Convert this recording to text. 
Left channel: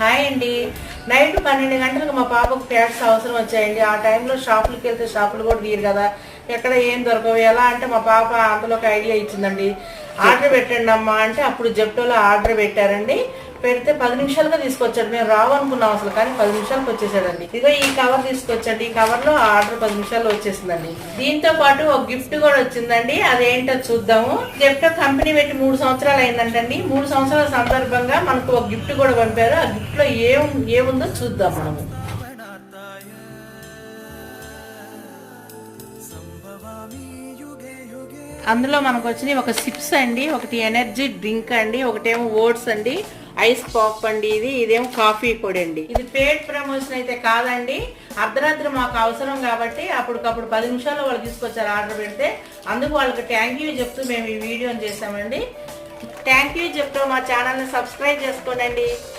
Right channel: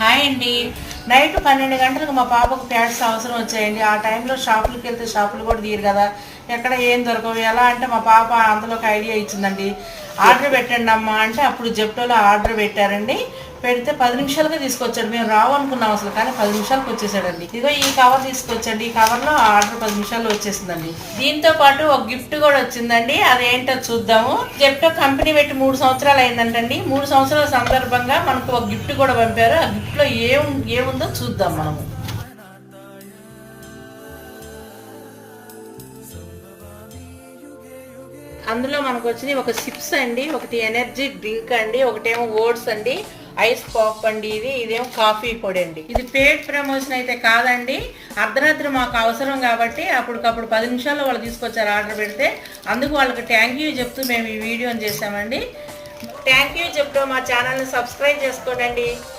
Hi అండి. Night 12 గంటలకు మా పాపకు ప్యాడ్స్ అవసరం వచ్చాయండి. ఆ టైంలో షాపులకి వెళ్తే షాపులు కూడా తీయరు కదా, ఎక్కడ ఏం దొరకవు. ఎలా అంటే మా పాప అంతలో ఒక ఐడియా ఇచ్చిందండి, ఆర్డర్ పెట్టండి అమ్మా అంటే అప్పుడు జెప్టోలో ఆర్డర్ పెట్టారండి. పెడితే 10 నిమిషాలుగా తీసుకొచ్చాడు. మేము రావు అనుకున్నాం అసలు, కానీ 10 నిమిషాలకు వచ్చేసాడండి. ఇదిగో ఈ కవర్ తీసుకొచ్చండి. ఈ కవర్లో ఆర్డర్ 10 నిమిషాల్లో వచ్చేసిందండి. దీంతో పాటు ఒక గిఫ్ట్ కూడా వచ్చిందండి. అదేంటో చూద్దాము. జెప్టో కంపెనీ పెట్టి 3 సంవత్సరాలు అయిందంటండి. 3 సంవత్సరాల సందర్భంగా మనకు ఒక గిఫ్ట్ కూడా పంపారు. ఆ గిఫ్ట్ లో ఏముందో చూద్దాం మనము. అందులో మనకు వచ్చింది ఒక సిప్స్ అండి, ఒకటి ఎనర్జీ డ్రింక్ అండి, ఒకటేమో ఓట్స్ అండి, ఐస్ పాప్ అండి, ఇదేమో కాఫీ పొడి అండి. ఇది పేడ్ ప్రమోషన్ అయితే కాదండి. అర్ధరాత్రి మాకు అవసరం కాబట్టి అప్పటికప్పుడు 10 నిమిషాల్లో వాళ్ళు తీసుకొచ్చారు ఆర్డర్ పెడితే. అందుకు వాళ్ళకి థ్యాంక్ యూ చెప్తూ మేము ఈ వీడియోని చేసామండి. థ్యాంక్ యూ చెప్తూ మా ఛానల్ని సబ్స్క్రైబ్ చేసుకోండి.